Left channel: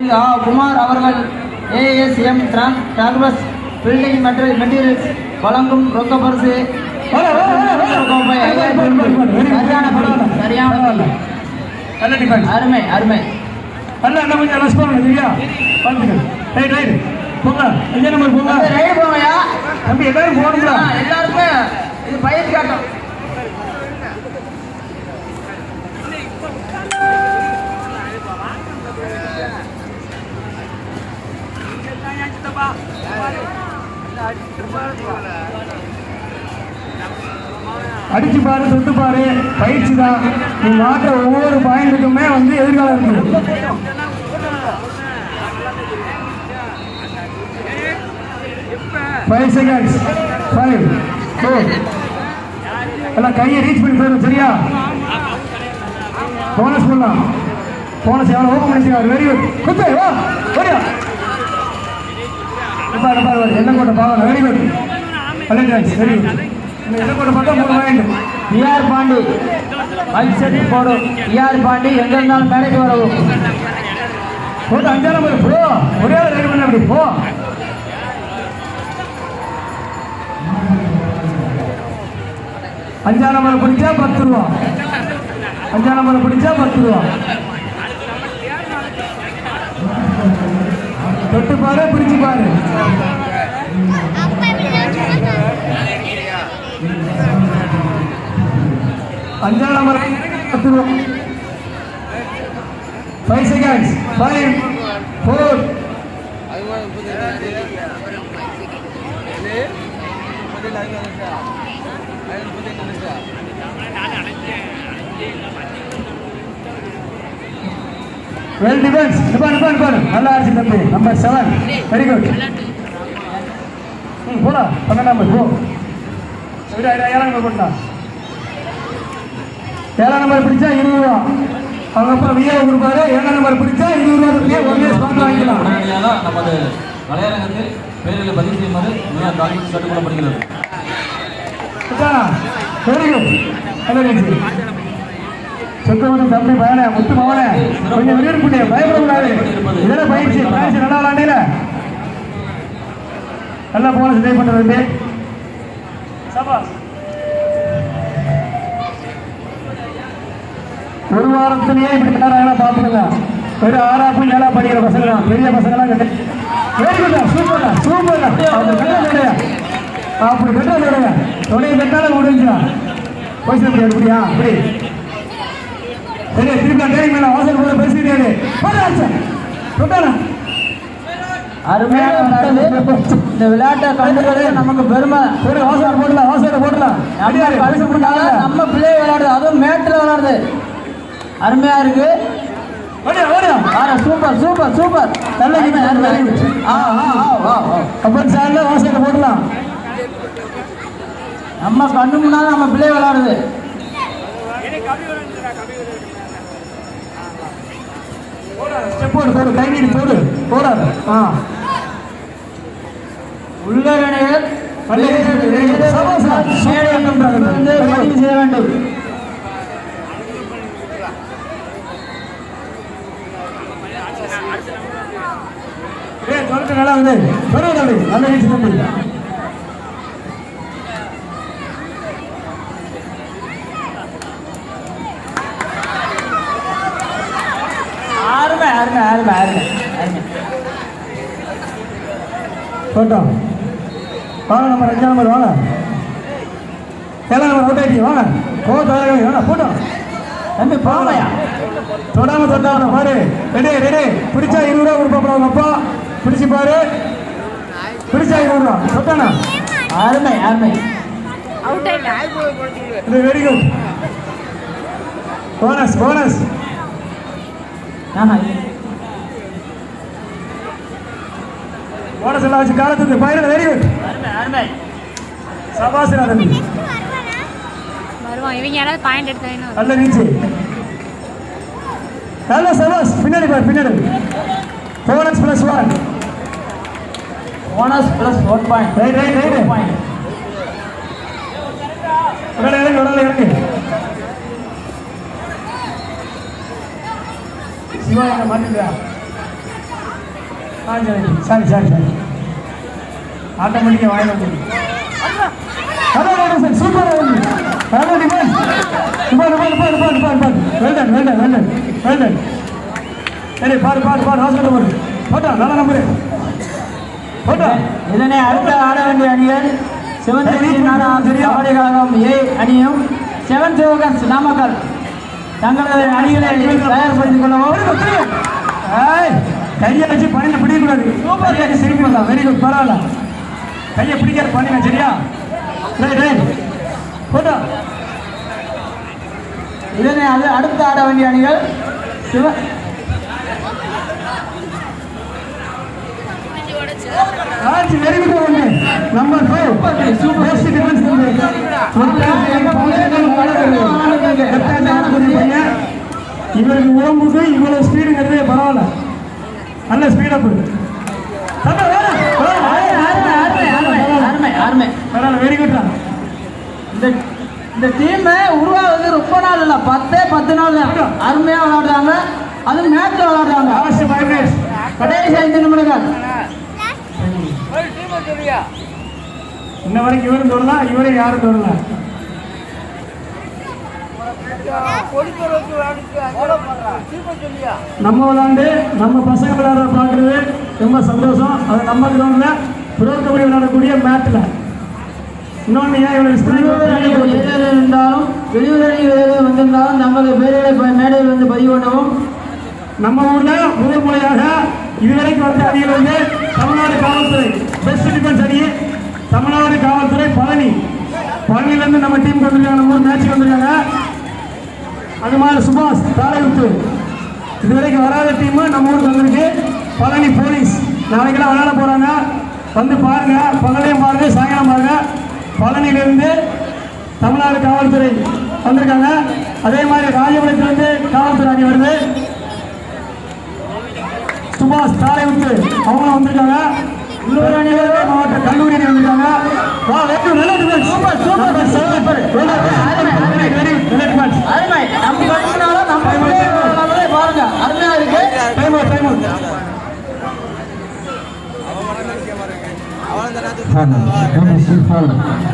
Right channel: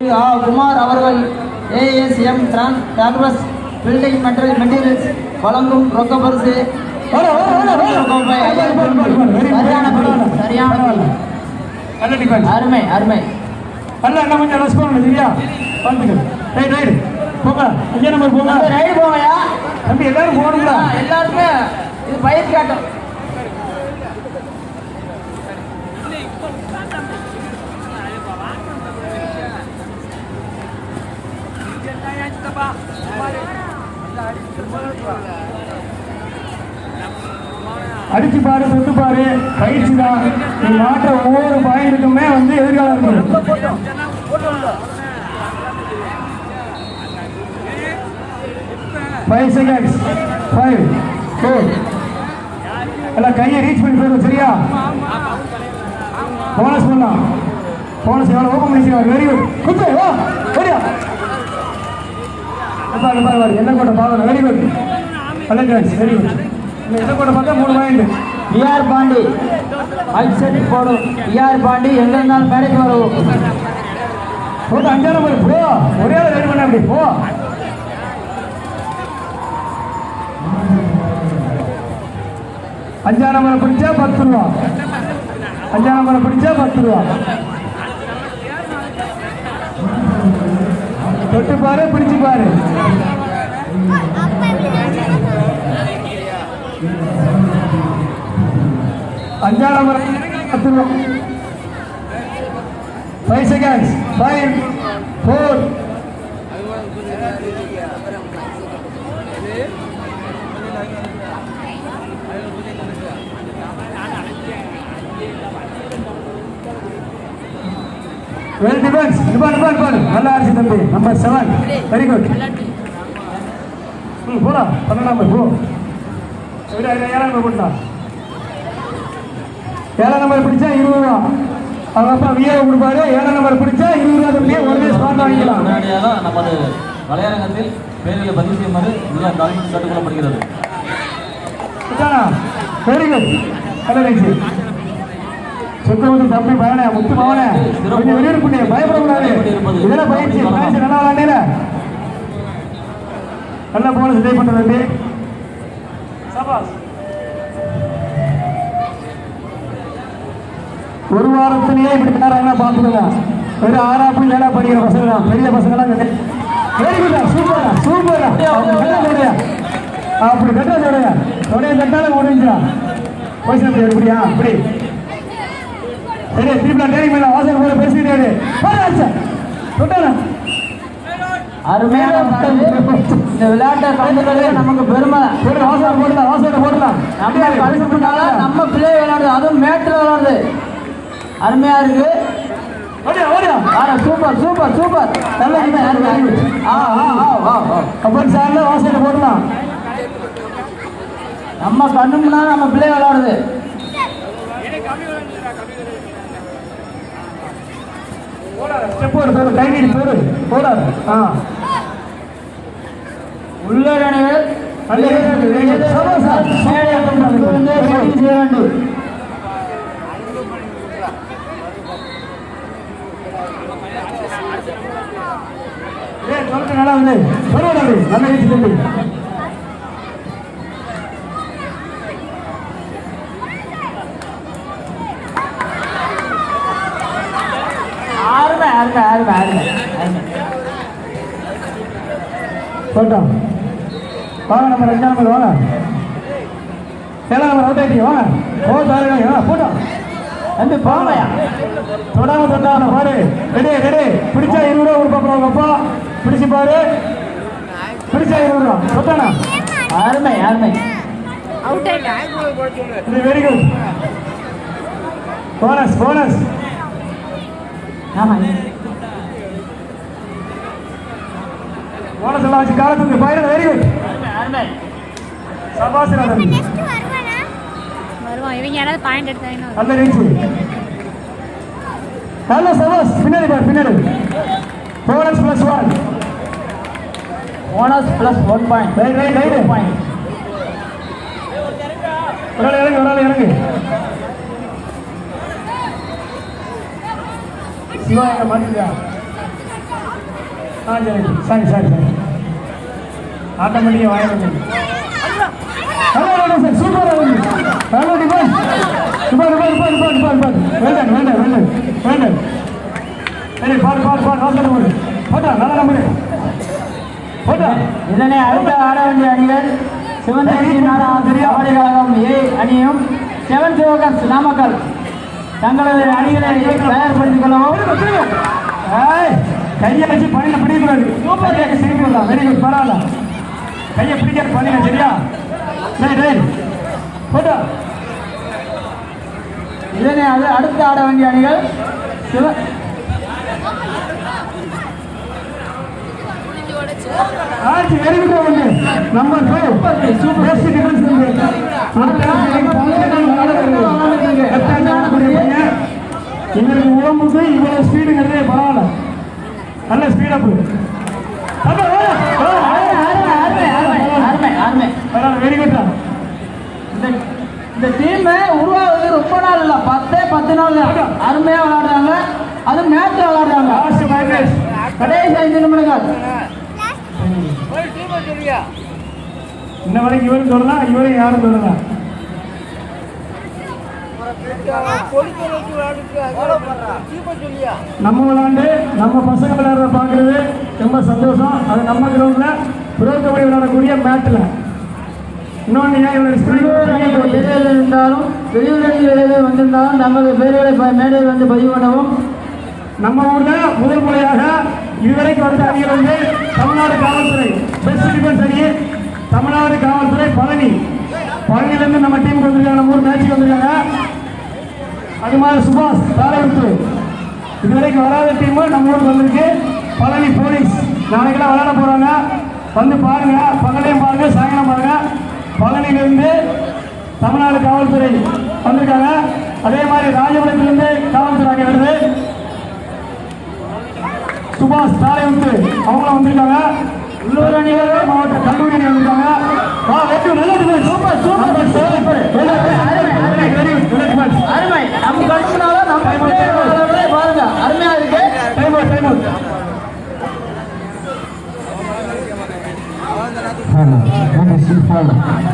குமார் அவர்கள் ASM transfers building materials வழங்கும் ரொக்க பரிசு அருமை அருமை எல்லாருமே இது பயிர் காட்டும். அடிச்சு பாரு, தொட்டு பாரு, பயிற்சி தான். நீ மாற்ற ஒவ்வொரு பாயிண்ட்டுக்குமே வந்து எதிர்காலம் 5 seconds 5 4 எல்லாம் கையை ரீச் பண்ணி போயிடும். சரியா? போனஸ் பண்ணலாம். போனஸ் எவ்வளோ ஓப்பன் பண்ணிச்சு. Very good. குத்து வா. சரியா? என்ன கூட பாவம். Very good. Collectors very good. என்ன கூட பார்த்தா 3 பாயிண்ட். டிஆர் பாண்டி அக்செப்ட் போடும். டிஆர் பாண்டி எங்க இருந்தாலும் மேடைக்கு வரவும். போட்டு 5 நம்பர் போ. ஒரே ரெடி பண்ண அப்படி போ. 5 நம்பரை பிடிச்சா 10 ரூபா. 5 நம்பரை பிடிச்சா 10 ரூபா. தொட்டு பாரு, பிடிச்சு பாரு. 5 நம்பர் 10 ரூபா. 5 seconds 5 4 வெல் டிஃபென்ஸ். நிப்பாடு நல்லா ஆச்சு தம்பி. Number 7 very good. போடா 12 நம்பர் போ. 7 நம்பர் போட்டா. 7 நம்பர் பிடிச்சா 20 ரூபா. அவங்க அப்பா விஏ கொடுப்பாரு. 7 நம்பர் பிடிச்சா 20 ரூபா கொடுத்து ஒரே ஸ்பாட் வாங்கிக்கலாம். நமது வலையரங்கத்தில் பேரியை பதிவு செய்யுமாறு கேட்டுக்கொள்ளப்படுகிறது. Very good. கலரேஜ் சொக்கவதம் தம்பி பையனே, முத்து மவனே, கொஞ்சம் வெளியூர் பண்ணி பயப்படக்கூடாது. இதெல்லாம் பயிற்சி நல்லா விளாண்டில நல்லா போன சிதை பண்ணுறது. ஒரு வாரத்திலேயே இப்படி விளையாடுறாங்களா பார்த்துக்கோங்க. வெறும் 6ஆம் 7ஆம் படிக்கிற பசங்க தான். பெரிய பசங்களாம் வெரி குட்டா. சூப்பர்டா சூப்பர்டா. அப்படி கட்டாத தொடைய கட்டால முடிஞ்சா போய் சொல்லி எப்படியா அப்படி அருமையான இந்த விளையாட்டை கலந்துக்கிறது நமக்கு பெருமை. போடலாம். நம்ம பிள்ளை விளையாடுது, அதுவும் மேட்டில் விளையாடுது. அருமையா இருக்கு. Super super super. போடலாம். நம்ம கண்ணு முன்னாடி நம்ம பிள்ளை விளையாடுது. உள்ளரணிகள் பதிவு செய்ய வேண்டும். நல்லா வந்து நல்ல ரீச் தம்பி. போட்டோம். வாங்க நம்ம 2 நம்பர் வாங்க. 7 நம்பர் அவுட் ஆகிட்டு வாங்க. போட்டோம் தம்பி போங்கயா. தொடாம பாரு. ரெடி பிடிச்சா 20 ரூபா கொடுப்பாங்க. அப்பா பிடிச்சி பாரு. பிடிச்சா 20 ரூபா. சொத்தனா அருமை அவுட் ஆயிட்டா. இது வெரி குட். போனஸ் போனஸ் எல்லாம் வச்சு காலத்துக்கு பயிர். Very good. சபாசனா தம்பி வருவான். இவங்க யாராவது பாயிண்ட் எடுத்தாங்கன்னா நல்ல ரீச். நல்ல சபாஸ். பின்னாடி பாரு பின்னாடி. Bonus +1 bonus +1 point. ரைட் இறங்கு. சிவா மாட்டியா சரி சரி சரி ஆட்டோமேட்டிக்காக வாங்க சார் சூப்பராக இருக்கு வேண்டாம் வேண்டாம் வேண்டாம் வேண்டாம் சரி பாரு பாரு பாரு ஹாஸ்பிட்டல் போடு போட்டா நல்ல நம்பரு போட்டா இதனை அடுத்த ஆட வேண்டிய அணிகள் சிவந்தேரி கபடி கழகம் ஏ அணியும் செவன் சிவகன்ஸ் நாமக்கல் தங்களது அணிகளை தயார்படுத்திக் கொள்ளவும். கையை வச்சு பணியில் பிடிக்கக்கூடாது சூப்பர் கேட்க திருப்பி வரலாம் வெரி குட் பரவாயில்ல கையை பிடிக்காது பணியில் சரியா ரைட் ரைட் போட்டா இதனை அடுத்து ஆட வேண்டிய அணிகள் சிவ ஆச்சு வெரி குட் வந்து நம்பர் 5 சூப்பர் பெஸ்ட் டிஃபென்ஸ் இவருக்கு உடம்புக்கு இவ்வளவு ஸ்பீடுங்கிறதே பரவாயில்ல நல்ல ஸ்பீடப் வெரி குட் இந்த டீம் உருவாவது ரொம்ப நாள் இல்லை 10 நாள் தான் அருமையாக விளையாடுறாங்க அதுவும் மேட்ச்ல விளையாடுறாங்க கடைசி 5 நிமிடங்கள் இன்ன வரைக்கும் இவரும் சொல்லலாம் இவரையும் யாரும் சொல்லலாம் நம்ம விளையாண்டு நம்ம பசங்க விளையாட பார்க்கறது ரொம்ப சந்தோஷம் அது நம்ம கிரௌண்ட்ல புரோக்கபடி விளையாடக்கூடிய மேட்ச்ல இன்னொன்று ஏன் இருந்தாலும் வெளியூரில் வந்திருந்தாலும் நமது பேர்களை மேடையில் வந்து பதிவு பண்ணவும். நம்ம ஊர்ல முதல் முறையாக இதுவரைக்கும் வந்த அணியில் வந்து தமிழ்நாடு காவல்துறை பெஸ்ட் டிஃபென்ஸ் அணி தமிழ்நாடு காவல்துறை பழனியிலிருந்து நம்ம டீமுக்கு வந்திருக்காங்க நம்ம ஊர் மேட்சுக்கு வந்திருக்காங்க. அது மாதிரி சுபாஷ் தாளையுத்து இதுவரைக்கும் வராத டீமு நம்ம ஊருக்கு வந்திருக்கு. பழனி போலீஸ் நாளைக்கெல்லாம் விளையாட போறாங்க வந்து பாருங்க பகலையும் பாருங்க சாயங்காலம் பாருங்க. பழனியிலிருந்து தமிழ்நாடு காவல்துறை வந்திருக்காங்க. அதே மாதிரி ராஜபுரத்திலிருந்து காவல்துறை அணி வருது. சுபாஷ் தாளையுத்து அவங்க வந்திருக்காங்க. உள்ளூர் அணி மாவட்ட கல்லூரி அணி வந்திருக்காங்க. நல்ல சூப்பர் சூப்பர் அருமை நம்ம கட்சினாலும் நம்ம பாருங்க அருமையா இருக்கு. Foul.